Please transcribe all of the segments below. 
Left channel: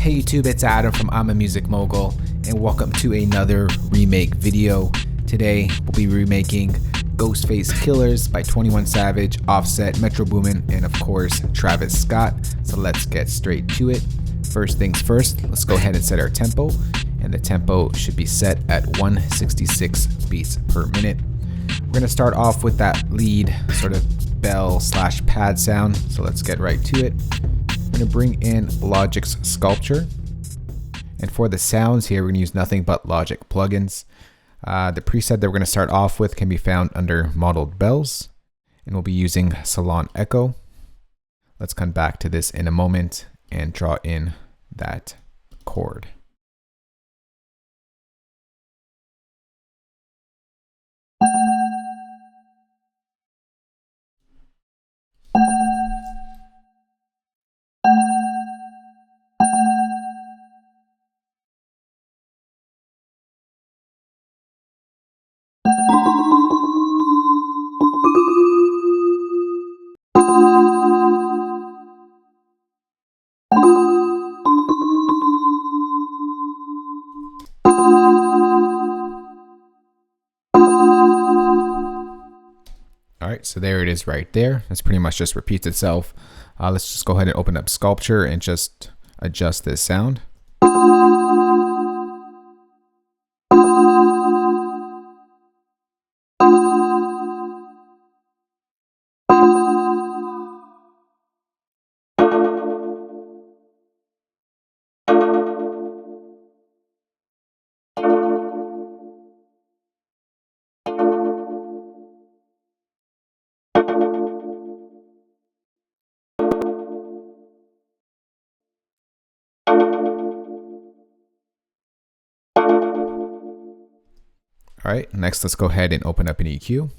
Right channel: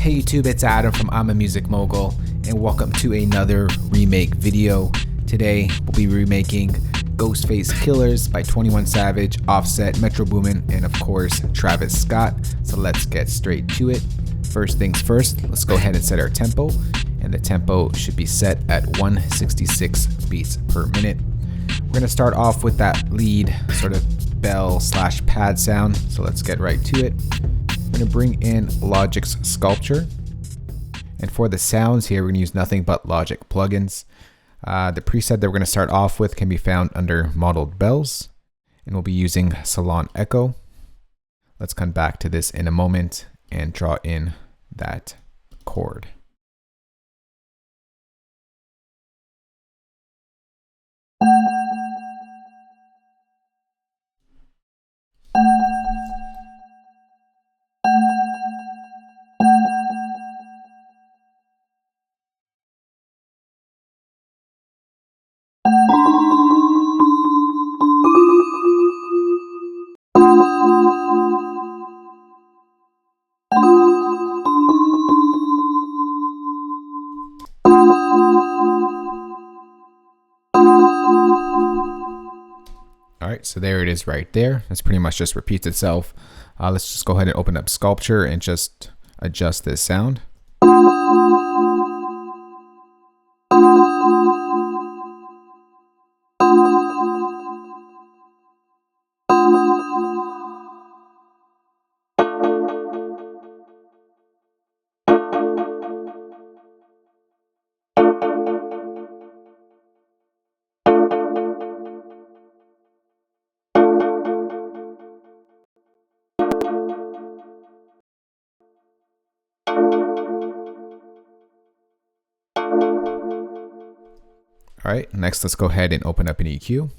Hey YouTube, it's Adam from I'm a Music Mogul, and welcome to another remake video. Today we'll be remaking Ghostface Killers by 21 Savage, Offset, Metro Boomin, and of course Travis Scott. So let's get straight to it. First things first, let's go ahead and set our tempo, and the tempo should be set at 166 beats per minute. We're going to start off with that lead sort of bell / pad sound, so let's get right to it. I'm going to bring in Logic's Sculpture, and for the sounds here we're going to use nothing but Logic plugins. The preset that we're going to start off with can be found under Modeled Bells, and we'll be using Salon Echo. Let's come back to this in a moment and draw in that chord. Alright, so there it is right there. This pretty much just repeats itself. Let's just go ahead and open up Sculpture and just adjust this sound. All right, next let's go ahead and open up an EQ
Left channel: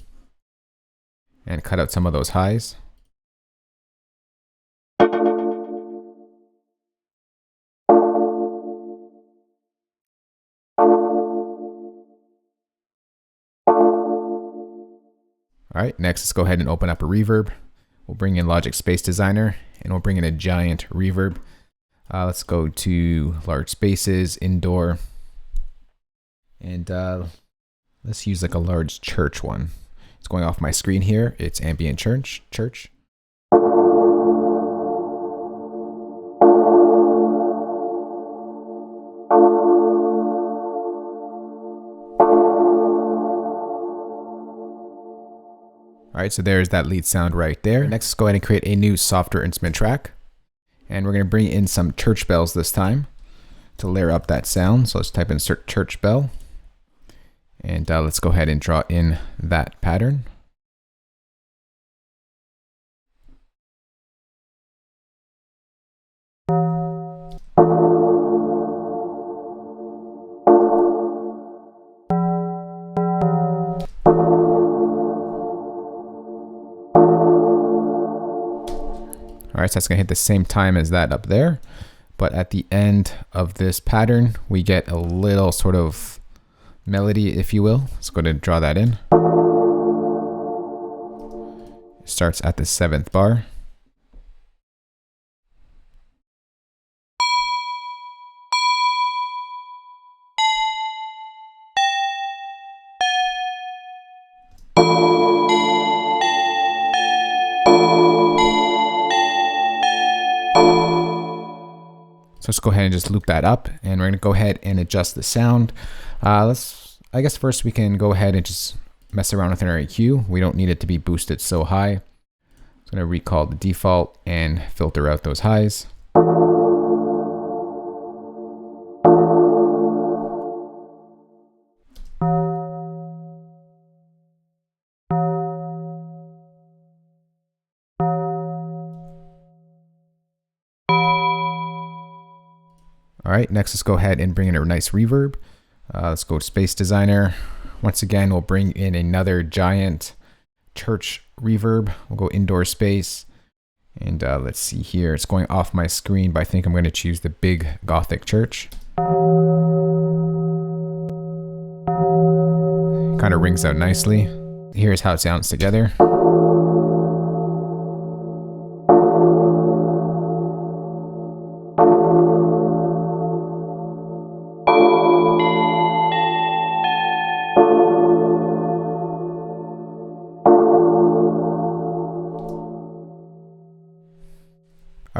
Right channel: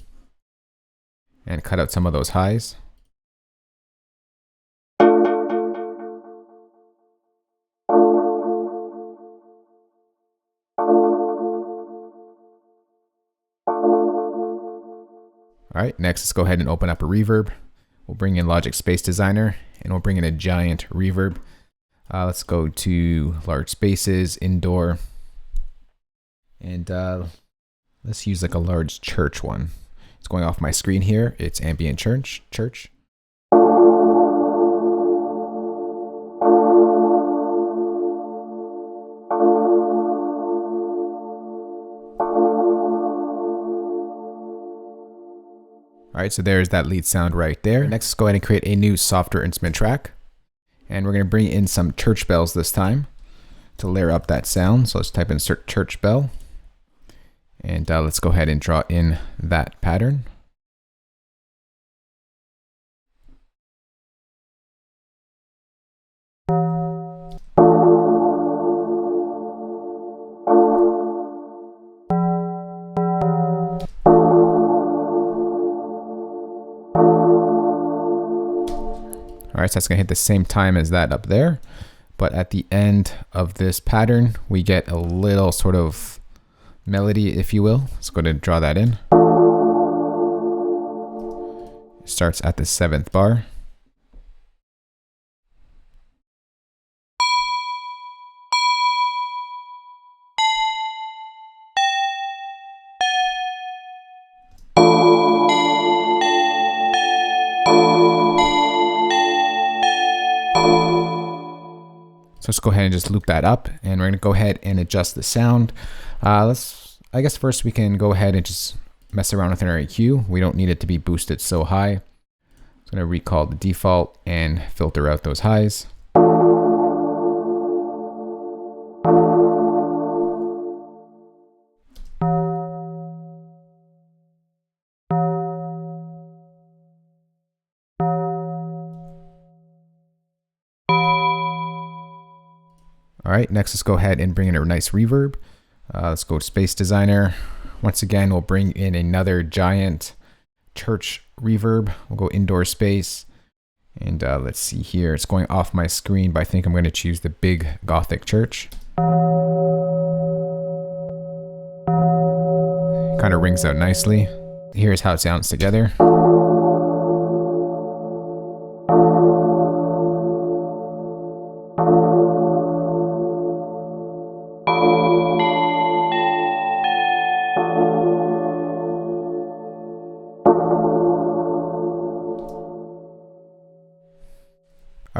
and cut out some of those highs. All right, next let's go ahead and open up a reverb. We'll bring in Logic Space Designer and we'll bring in a giant reverb. Let's go to large spaces, indoor, and let's use like a large church one. It's going off my screen here. It's ambient church. All right, so there's that lead sound right there. Next, let's go ahead and create a new software instrument track. And we're going to bring in some church bells this time to layer up that sound. So let's type in church bell. And let's go ahead and draw in that pattern. All right, so that's gonna hit the same time as that up there. But at the end of this pattern, we get a little sort of melody, if you will. Let's go ahead and draw that in. It starts at the 7th bar. So let's go ahead and just loop that up, and we're going to go ahead and adjust the sound. I guess first we can go ahead and just mess around with our EQ. We don't need it to be boosted so high. I'm going to recall the default and filter out those highs. All right, next let's go ahead and bring in a nice reverb. Let's go to Space Designer. Once again, we'll bring in another giant church reverb. We'll go indoor space. And let's see here. It's going off my screen, but I think I'm going to choose the big Gothic church. Kind of rings out nicely. Here's how it sounds together.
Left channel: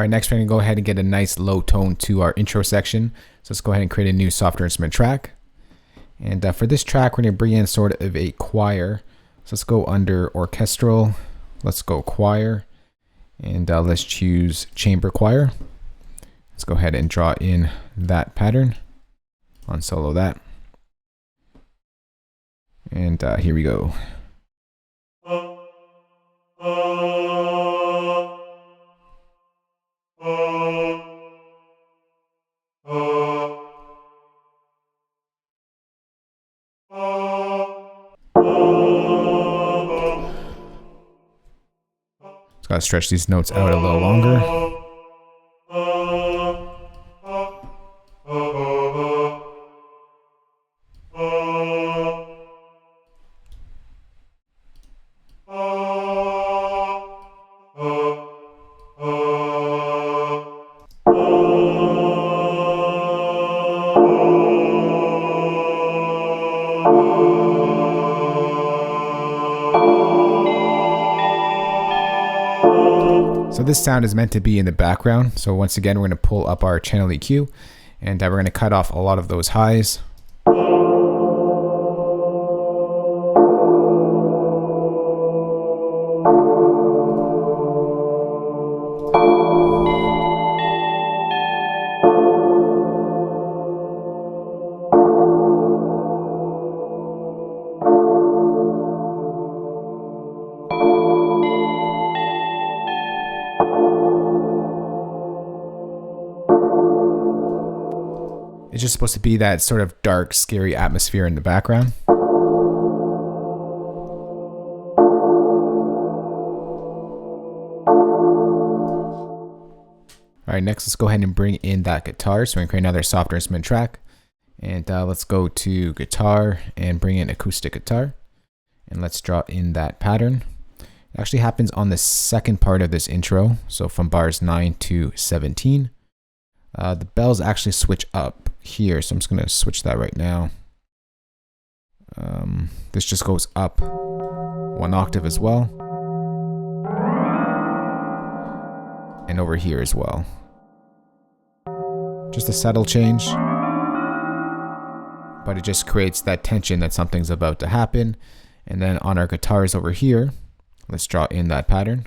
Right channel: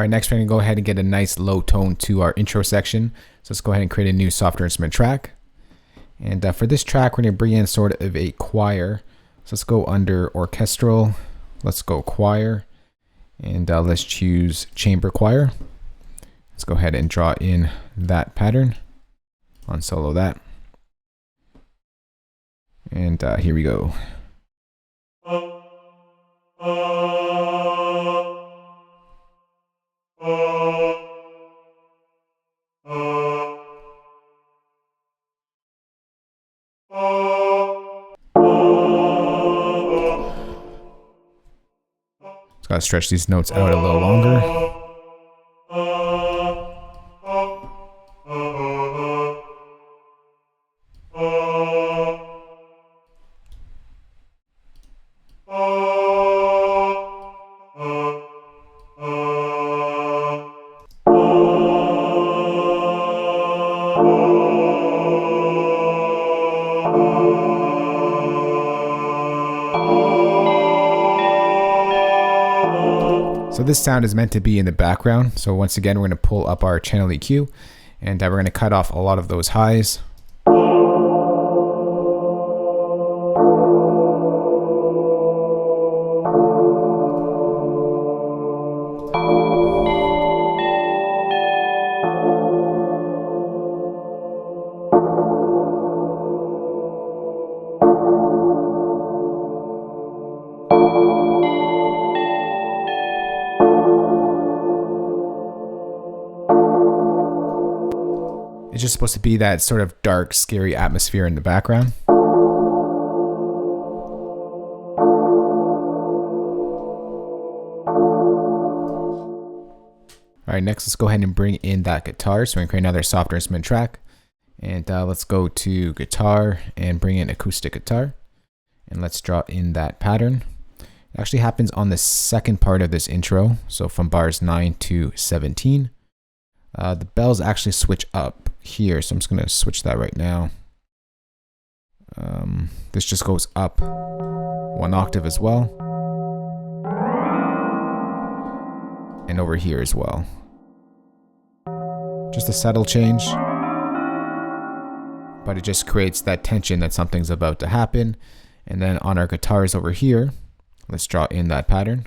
All right, next we're gonna go ahead and get a nice low tone to our intro section. So let's go ahead and create a new software instrument track. And for this track, we're gonna bring in sort of a choir. So let's go under orchestral. Let's go choir. And let's choose chamber choir. Let's go ahead and draw in that pattern. Unsolo that. And here we go. Just gotta stretch these notes out a little longer. So this sound is meant to be in the background. So once again, we're going to pull up our channel EQ and we're going to cut off a lot of those highs. It's just supposed to be that sort of dark, scary atmosphere in the background. All right, next let's go ahead and bring in that guitar. So we're gonna create another software instrument track. And let's go to guitar and bring in acoustic guitar. And let's draw in that pattern. It actually happens on the second part of this intro. So from bars 9 to 17. The bells actually switch up here, so I'm just going to switch that right now. This just goes up 1 octave as well. And over here as well. Just a subtle change. But it just creates that tension that something's about to happen. And then on our guitars over here, let's draw in that pattern.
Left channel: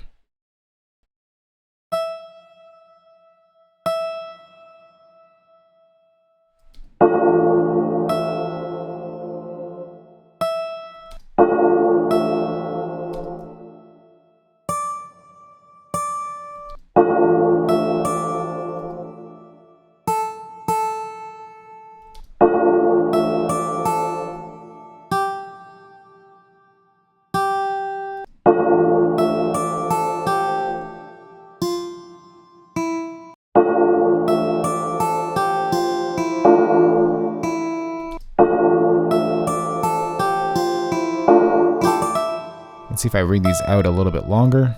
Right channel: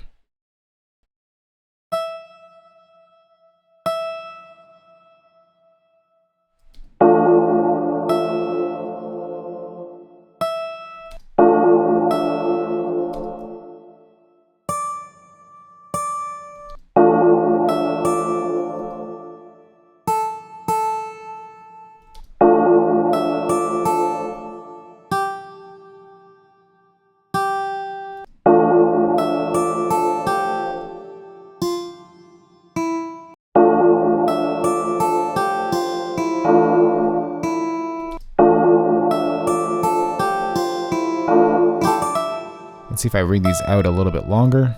Let's see if I read these out a little bit longer. And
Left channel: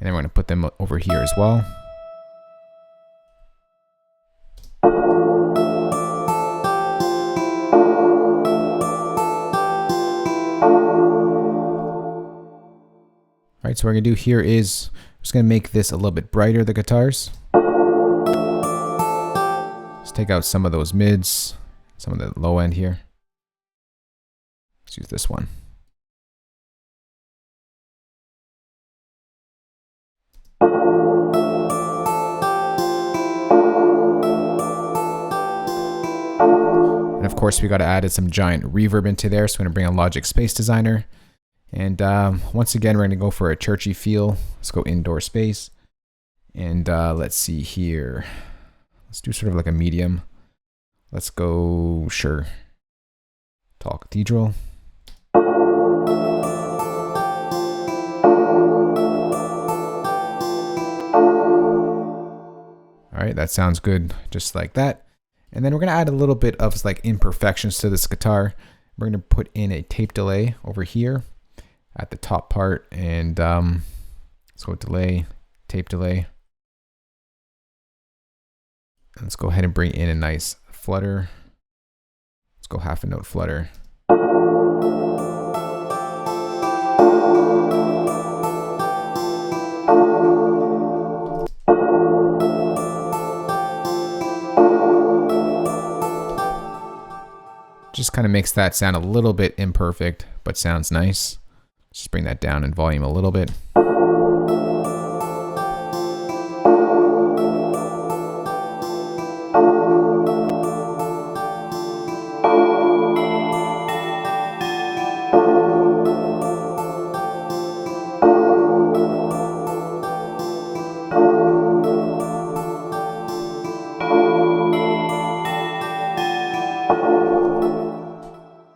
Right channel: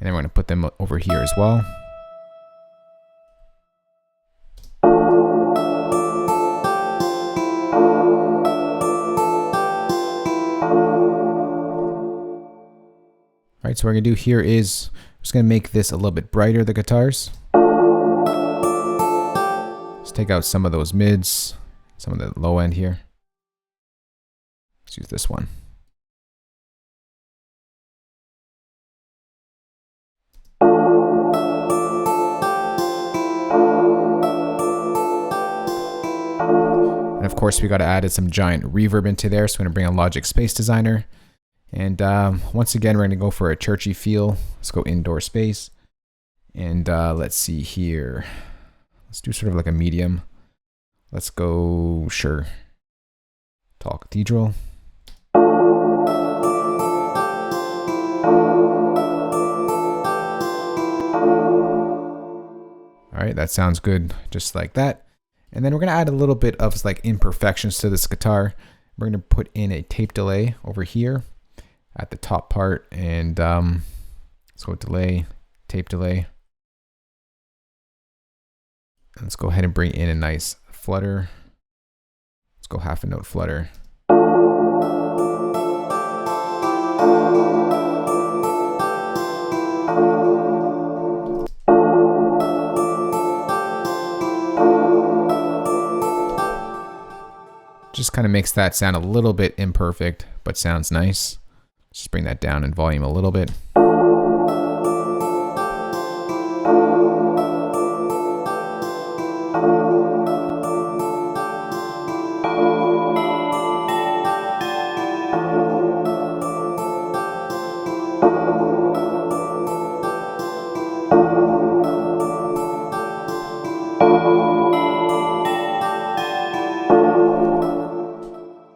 then we're going to put them over here as well. All right, so what we're going to do here is I'm just going to make this a little bit brighter, the guitars. Let's take out some of those mids, some of the low end here. Let's use this one. And of course, we got to add some giant reverb into there. So we're going to bring on Logic Space Designer. And once again, we're going to go for a churchy feel. Let's go indoor space. And let's see here. Let's do sort of like a medium. Let's go, sure, Tall Cathedral. All right, that sounds good, just like that. And then we're going to add a little bit of like imperfections to this guitar. We're going to put in a tape delay over here at the top part. And let's go delay, tape delay. And let's go ahead and bring in a nice flutter. Let's go half a note flutter. Just kind of makes that sound a little bit imperfect, but sounds nice. Just bring that down in volume a little bit.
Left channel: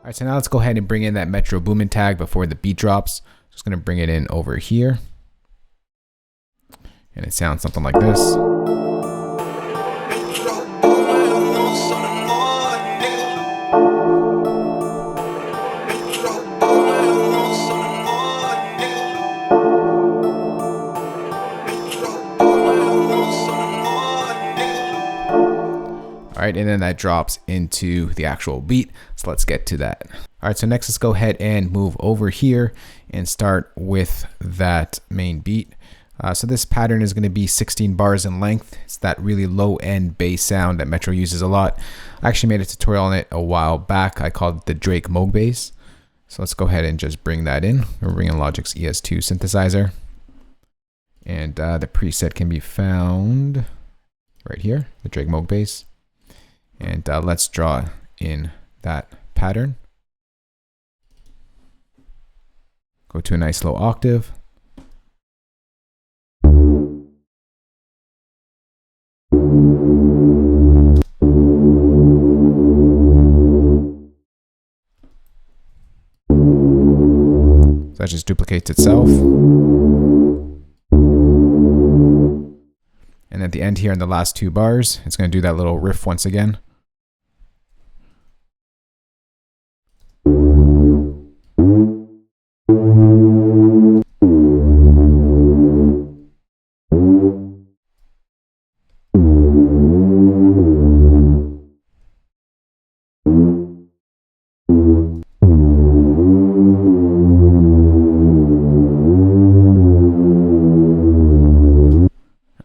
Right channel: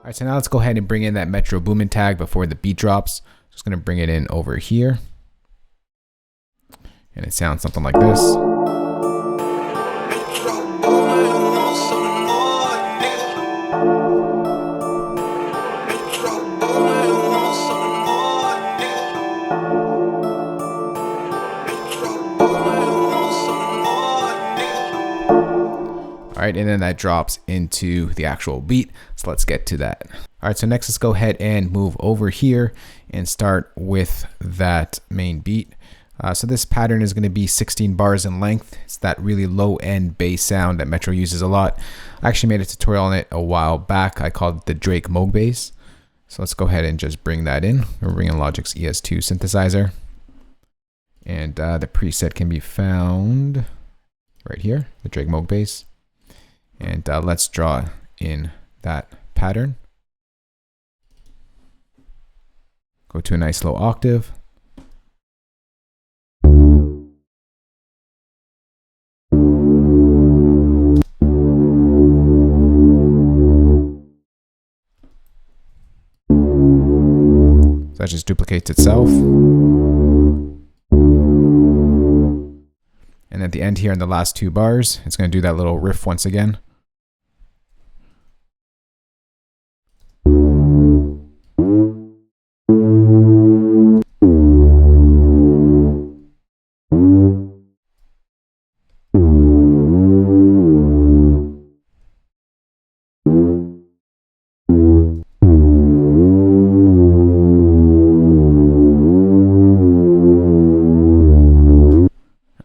Alright, so now let's go ahead and bring in that Metro Boomin tag before the beat drops. Just going to bring it in over here. And it sounds something like this. All right, and then that drops into the actual beat. So let's get to that. All right, so next let's go ahead and move over here and start with that main beat. So this pattern is going to be 16 bars in length. It's that really low end bass sound that Metro uses a lot. I actually made a tutorial on it a while back. I called it the Drake Moog bass. So let's go ahead and just bring that in. We're bringing Logic's ES2 synthesizer. And the preset can be found right here, the Drake Moog bass. And let's draw in that pattern. Go to a nice low octave. So that just duplicates itself. And at the end here in the last two bars, it's going to do that little riff once again.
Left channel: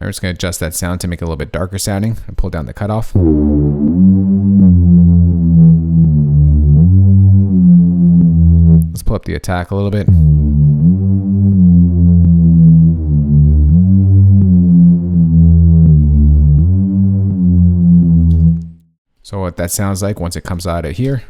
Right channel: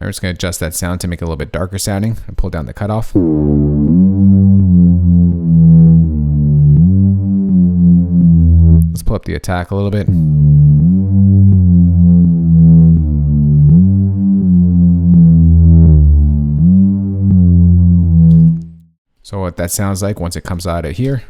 I'm just going to adjust that sound to make it a little bit darker sounding and pull down the cutoff. Let's pull up the attack a little bit. So what that sounds like once it comes out of here.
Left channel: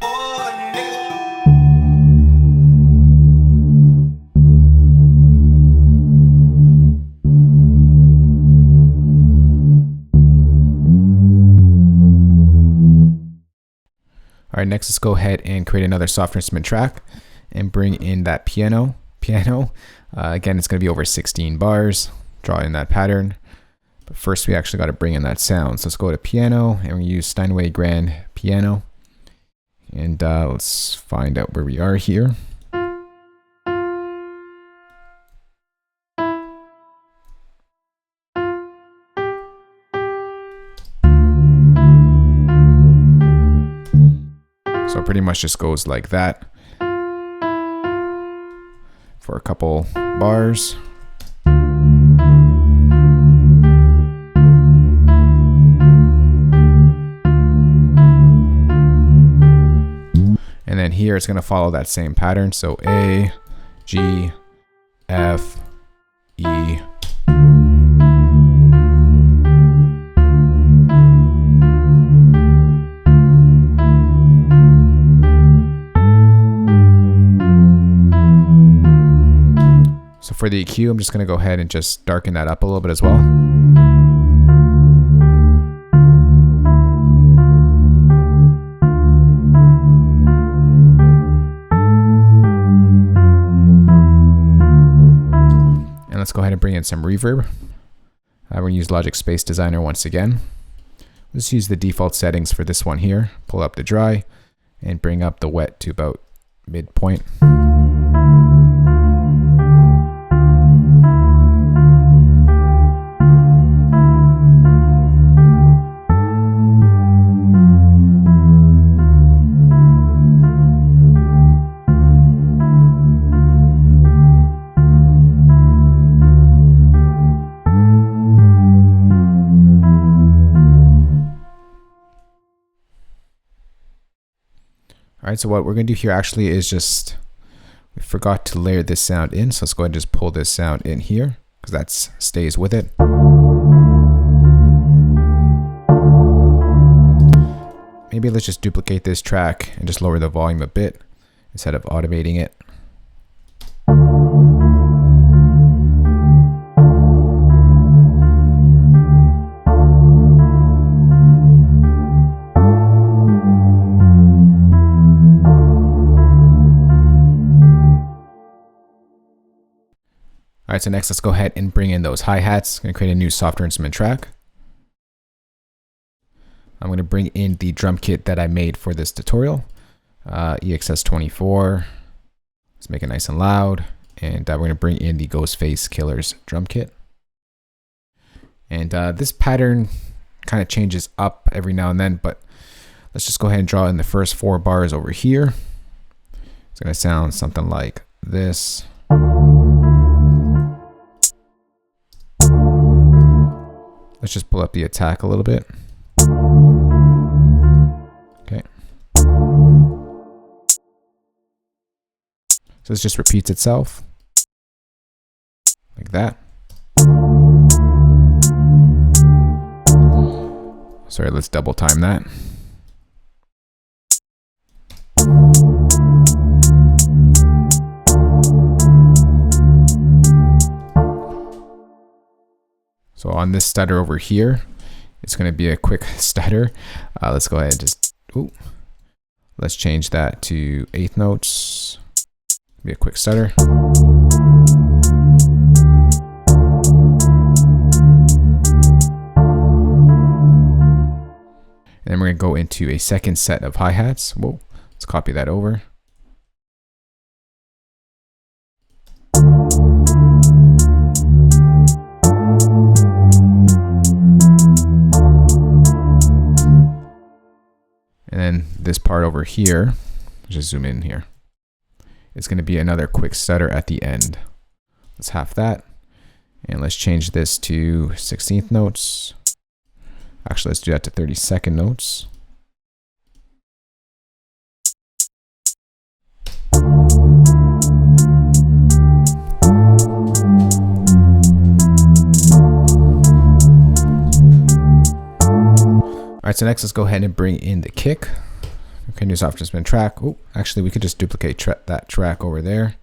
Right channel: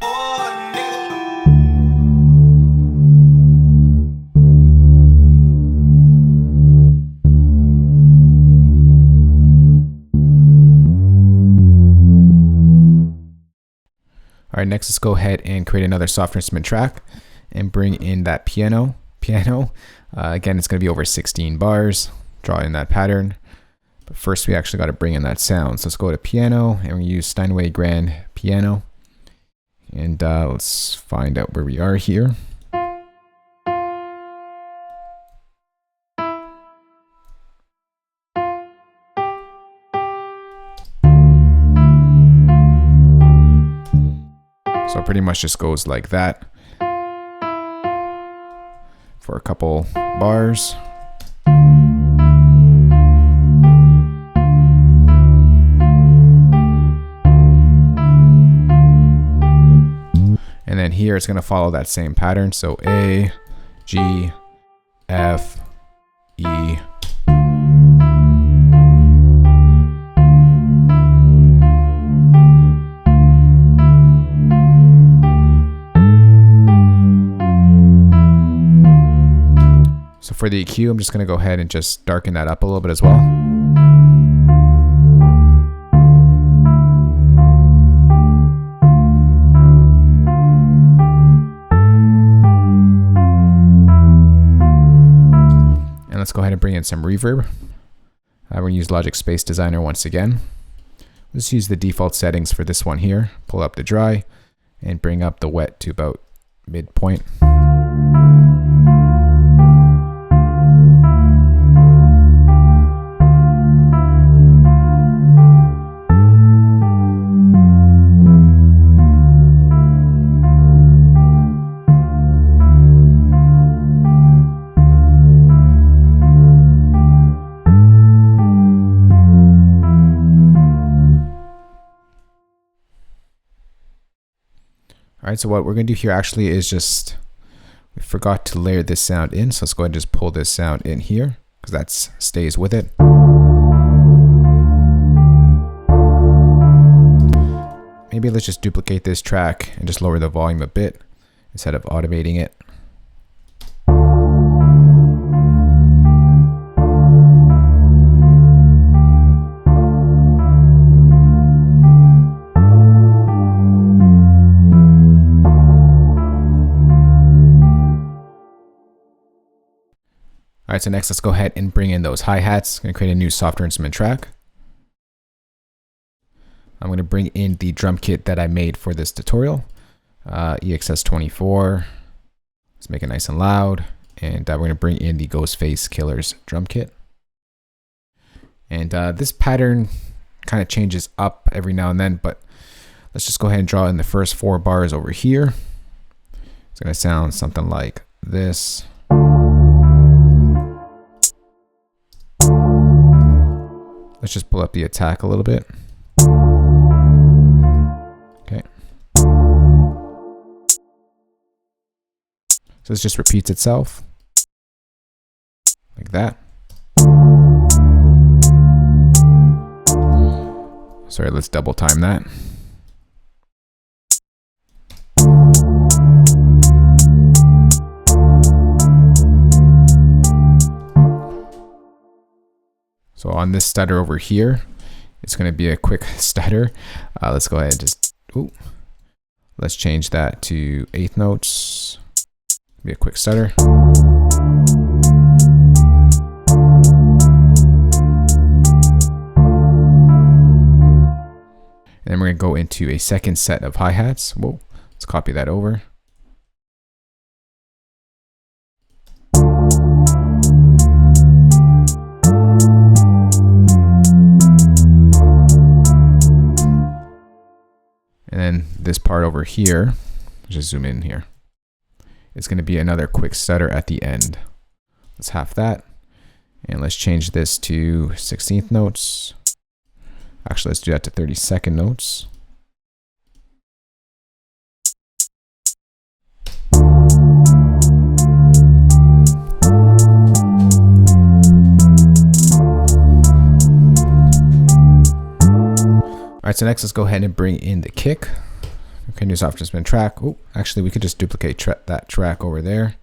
All right, next let's go ahead and create another soft instrument track and bring in that piano. Again, it's going to be over 16 bars. Draw in that pattern. But first we actually got to bring in that sound. So let's go to piano and we use Steinway Grand Piano. And let's find out where we are here. So it pretty much just goes like that for a couple bars. And then here it's going to follow that same pattern. So A, G, F, E. So for the EQ, I'm just going to go ahead and just darken that up a little bit as well. And let's go ahead and bring in some reverb. We're going to use Logic Space Designer once again. Let's use the default settings for this one here. Pull up the dry and bring up the wet to about midpoint. All right, so what we're gonna do here actually is just, we forgot to layer this sound in. So let's go ahead and just pull this sound in here because that stays with it. Maybe let's just duplicate this track and just lower the volume a bit instead of automating it. All right, so next let's go ahead and bring in those hi-hats. I'm gonna create a new software instrument track. I'm going to bring in the drum kit that I made for this tutorial, EXS24. Let's make it nice and loud. And we're going to bring in the Ghostface Killers drum kit. And this pattern kind of changes up every now and then, but let's just go ahead and draw in the first 4 bars over here. It's going to sound something like this. Let's just pull up the attack a little bit. Okay. So this just repeats itself like that. Sorry, let's double time that. So on this stutter over here, it's going to be a quick stutter. Let's go ahead and just, let's change that to 1/8 notes. Be a quick stutter. And then we're going to go into a second set of hi-hats. Whoa, let's copy that over. And then this part over here, just zoom in here. It's going to be another quick stutter at the end. Let's half that. And let's change this to 16th notes. Actually, let's do that to 32nd notes. All right, so next let's go ahead and bring in the kick. Okay, new software instrument track. Oh, actually we could just duplicate that track over there.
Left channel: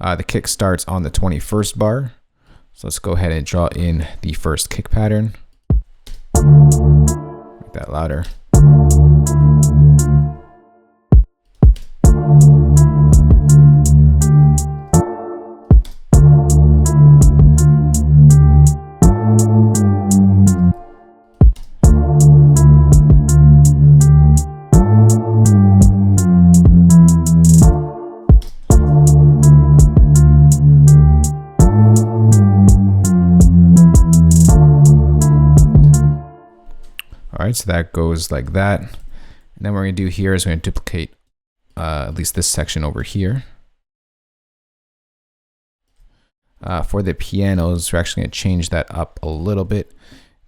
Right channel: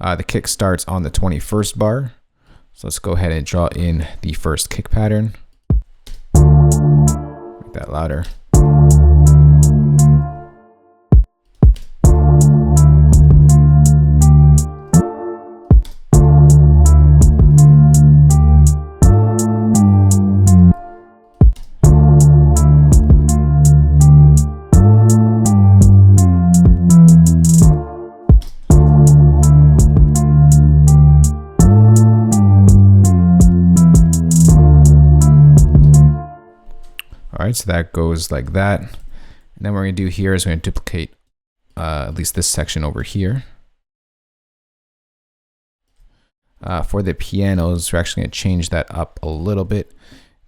The kick starts on the 21st bar. So let's go ahead and draw in the first kick pattern. Make that louder. All right, so that goes like that. And then what we're gonna do here is we're gonna duplicate at least this section over here. For the pianos, we're actually gonna change that up a little bit.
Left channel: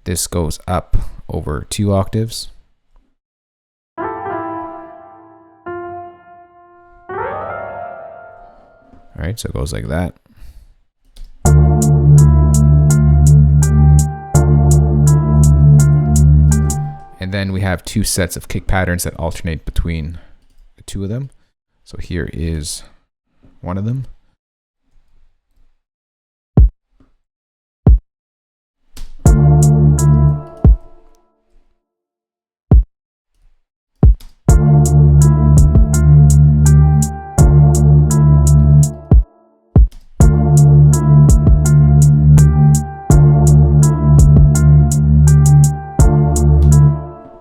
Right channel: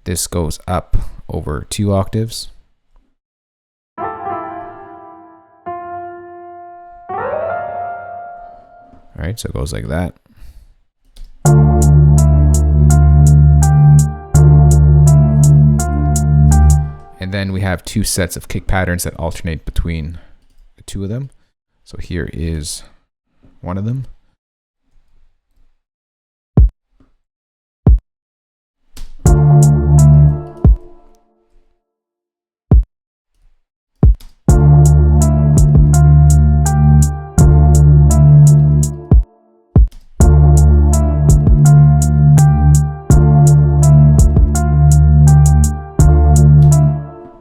This goes up over 2 octaves. All right, so it goes like that. And then we have 2 sets of kick patterns that alternate between the 2 of them. So here is one of them.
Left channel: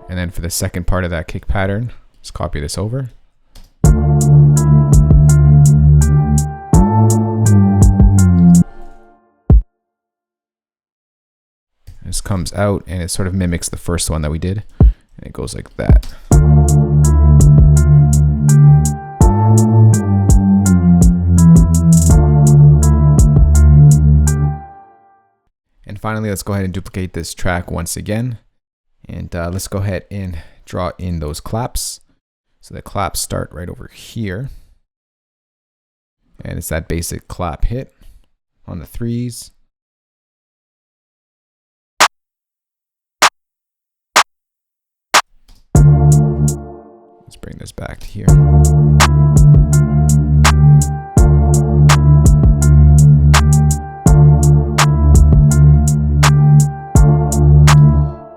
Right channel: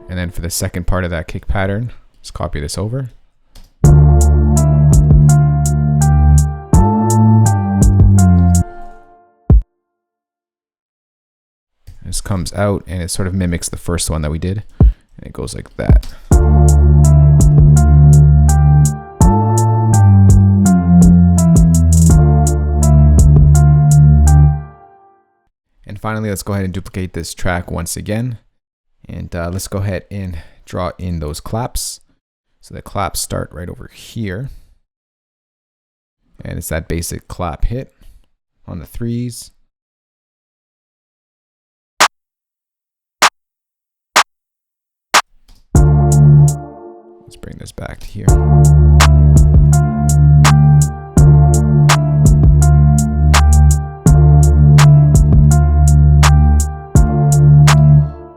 And then for the second part of that kick pattern, let's copy this over. This comes out and it sort of mimics the first one that we did. And it goes like that. And finally, let's go ahead and duplicate this track once again. And let's go ahead and draw in those claps. So the claps start right over here. And it's that basic clap hit on the 3s. Let's bring this back to here.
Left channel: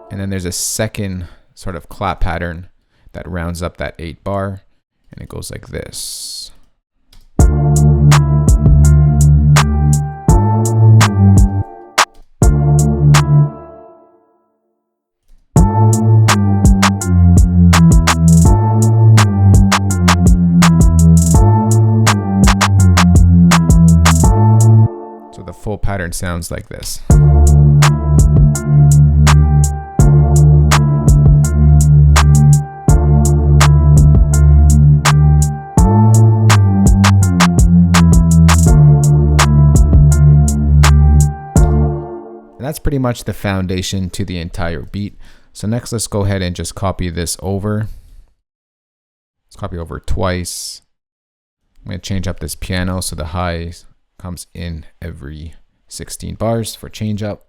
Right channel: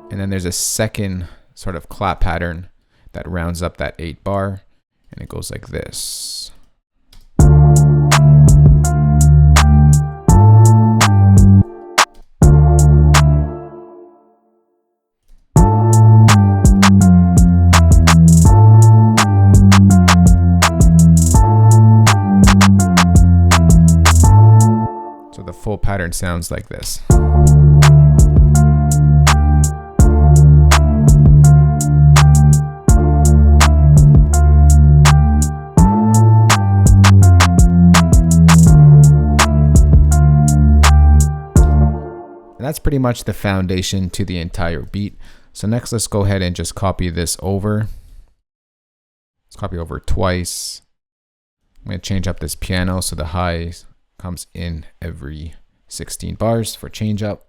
And then there's a second sort of clap pattern that rounds up that 8 bar, and it goes like this. So the full pattern sounds like this. And that's pretty much the foundation to the entire beat. So next, let's go ahead and just copy this over. Let's copy over twice. I'm going to change up this piano so the high comes in every 16 bars for change up.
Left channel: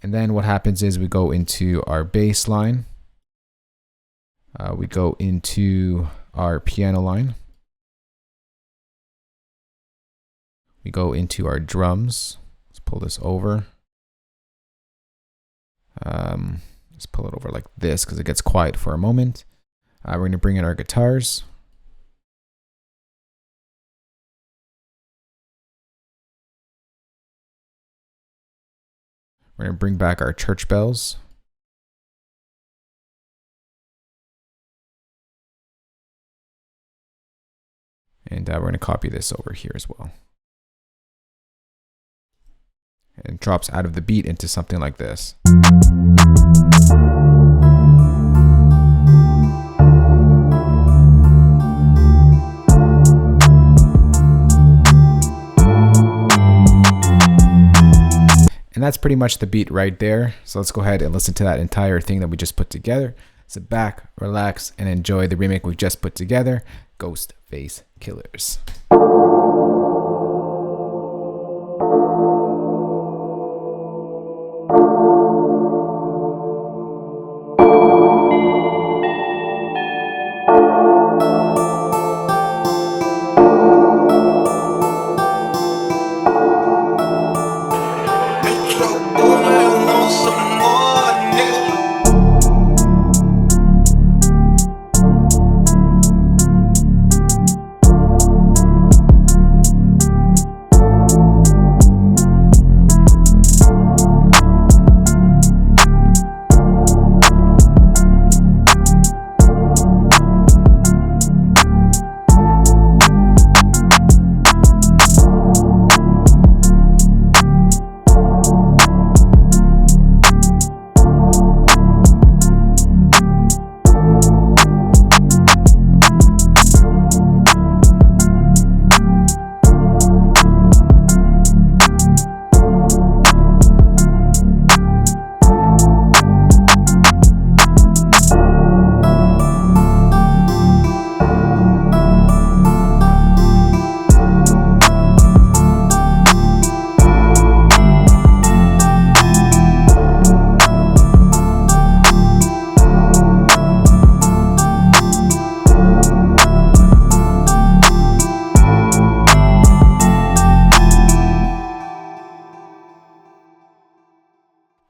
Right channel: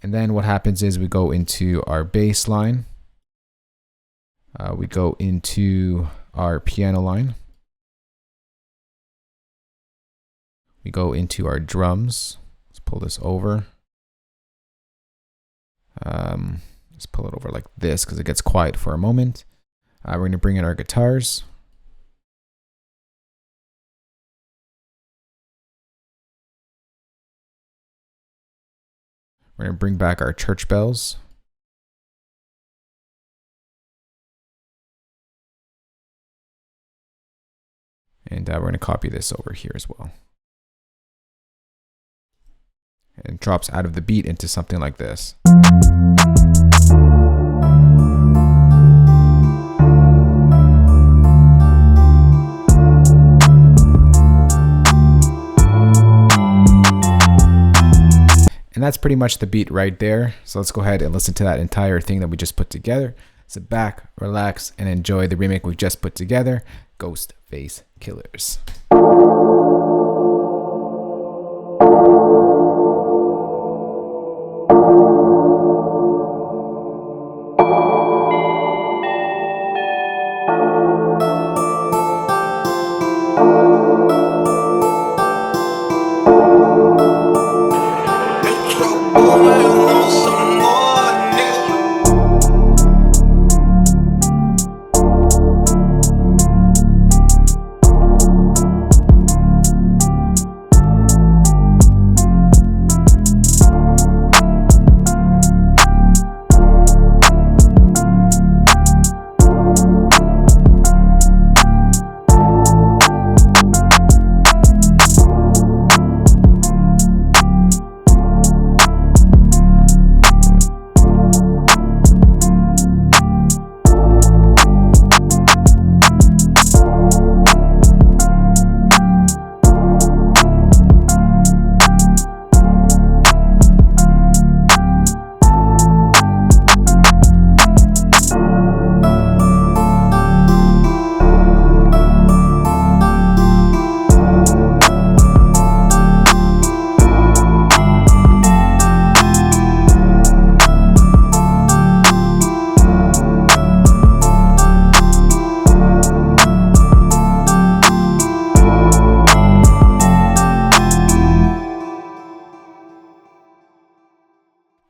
And then what happens is we go into our bass line. We go into our piano line. We go into our drums. Let's pull this over. Let's pull it over like this because it gets quiet for a moment. We're going to bring in our guitars. We're going to bring back our church bells. And we're going to copy this over here as well. And it drops out of the beat into something like this. And that's pretty much the beat right there. So let's go ahead and listen to that entire thing that we just put together. Sit back, relax, and enjoy the remake we just put together, Ghostface Killers.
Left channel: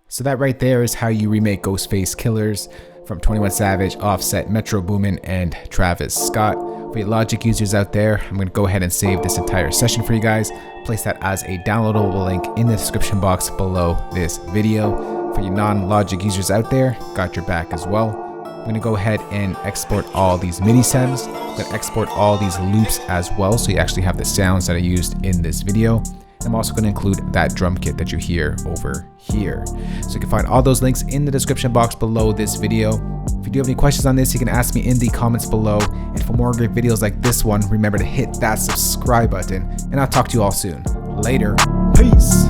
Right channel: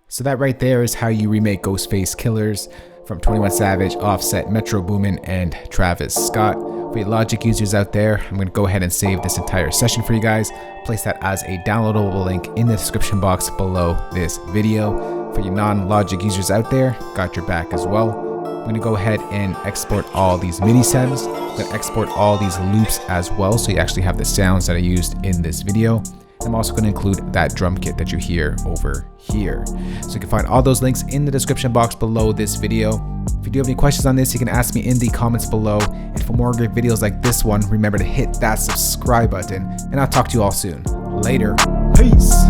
So that right there is how you remake Ghostface Killers from 21 Savage, Offset, Metro Boomin, and Travis Scott. For you Logic users out there, I'm going to go ahead and save this entire session for you guys. Place that as a downloadable link in the description box below this video. For you non-Logic users out there, got your back as well. I'm going to go ahead and export all these MIDI stems. I'm going to export all these loops as well, so you actually have the sounds that I used in this video. I'm also going to include that drum kit that you hear over here. So you can find all those links in the description box below this video. If you do have any questions on this, you can ask me in the comments below. And for more great videos like this one, remember to hit that subscribe button. And I'll talk to you all soon. Later. Peace.